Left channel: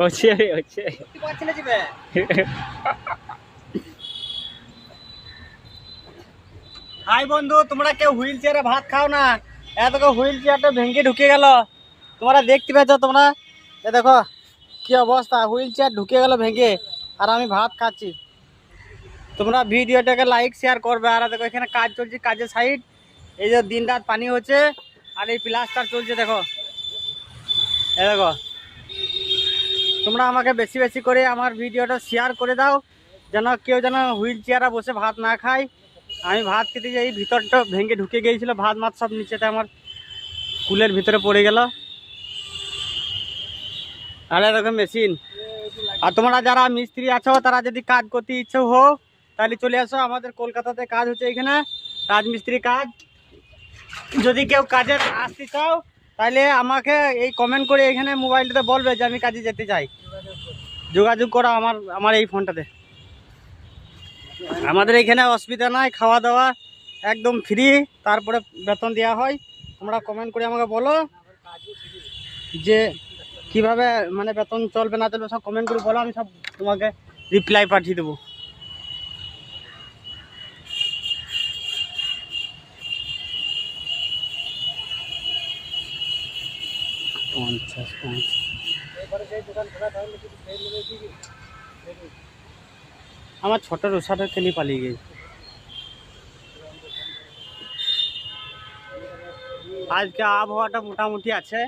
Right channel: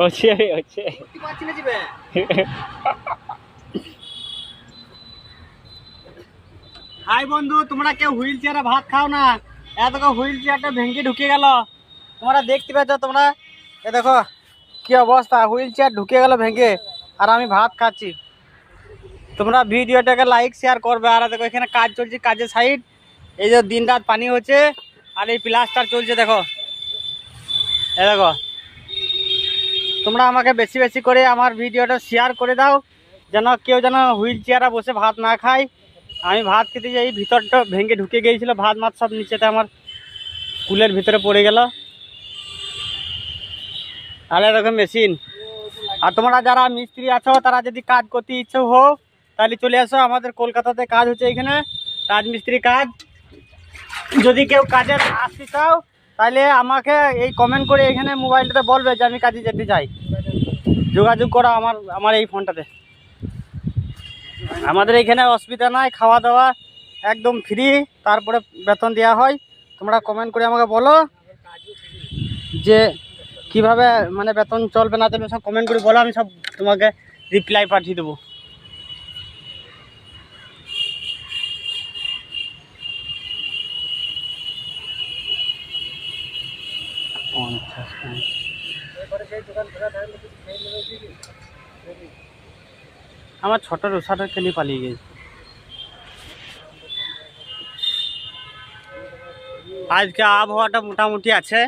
হচ্ছে হাই বন্ধু, তোমরা কেউ হুইল চেয়ারে ভাত খাও না। এত হুইল চেয়ারটা ভেঙে ঢুকে গেল। তোমরা দেখতে পেয়েছ তোমরা? এ দেখো, কি অবস্থা? হুইল চেয়ার ঢুকে গেল ভেঙে, আর আমি ভাত খাচ্ছি। তোমরা ভিডিওটাকে লাইক শেয়ার করবে। আর দেখো, এখানে কাজ চলছে কাজের সাইড এই যে দিন রাত পানি হচ্ছে, আর এই প্লাস্টার চলছে, দেখো। এ দেখো তোমরা আমাকে বেশি বেশি করে আমার ভিডিওটা শেয়ার করে দাও, যেন কেউ যেন হুইল চেয়ারে বসে ভাত না খায়। আমি ভাত খেতে যাই ভিতরটা ভেঙে ঢুকে গিয়েছিল, ভাত মাছ সব নিচেতে আমার কুলের ভিতরে পড়ে গেল। আর এরকম মেশিন আর তোমরা যারা মিস্ত্রি আছো, তারা যদি কাজ করতে ইচ্ছে হো তাহলে চলে আসো, আমাদের কলকাতাতে কাজ হচ্ছে এখানে, রাজমিস্ত্রি কাজ। যদি কেউ কাজের আসতে চাও তাহলে আমাকে এই কমেন্ট করে এখানে মোবাইলটাতে বলবে যে আমি কাজে যেতে চাই। যোগাযোগ করো আমার আমার এই ফোনটাতে আমাদের এখানে অসুবিধা নাই, খাওয়া দাওয়া একদম ফ্রি তারপরে বেতন দেওয়া হয়। তোমরা কমেন্ট করে আমাকে বলো যে কীভাবে মানে বেতন চলবে না চলবে সব কমেন্ট করে বলো, আমি সব তোমাকে রিপ্লাই পাঠিয়ে দেবো। পঞ্চাশ আমার ছোট রোসাটা কেন পালিয়ে গেছে। আজকে আবহাওয়াটা মোটামুটি আছে।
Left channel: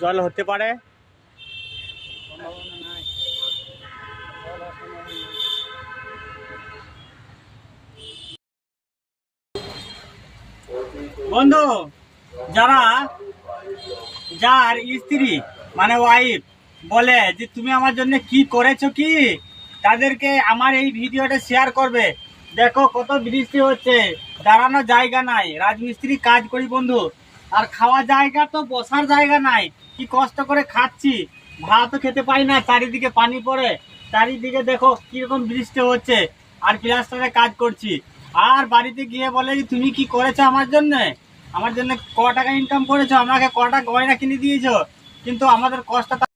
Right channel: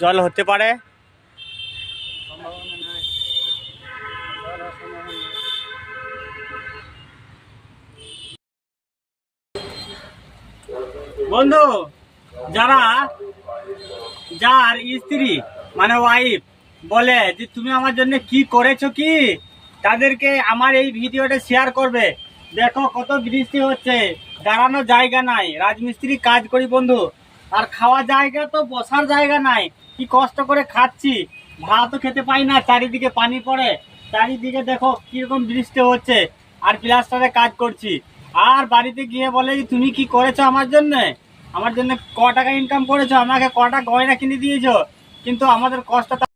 জল হতে পারে। বন্ধু যারা, যার স্ত্রী মানে ওয়াইফ বলে যে তুমি আমার জন্য কি করেছ কি, তাদেরকে আমার এই ভিডিওটা শেয়ার করবে। দেখো কত বৃষ্টি হচ্ছে, দাঁড়ানোর জায়গা নাই, রাজমিস্ত্রি কাজ করি বন্ধু, আর খাওয়া জায়গা তো, বসার জায়গা নাই, কি কষ্ট করে খাচ্ছি ভাতও খেতে পাই না, চারিদিকে পানি পড়ে, চারিদিকে দেখো কীরকম বৃষ্টি হচ্ছে, আর প্লাস্টারে কাজ করছি। আর বাড়িতে গিয়ে বলে যে, তুমি কি করেছ আমার জন্য? আমার জন্য ক টাকা ইনকাম করেছ আমাকে কটা গয়না কিনে দিয়েছ। কিন্তু আমাদের কষ্টটা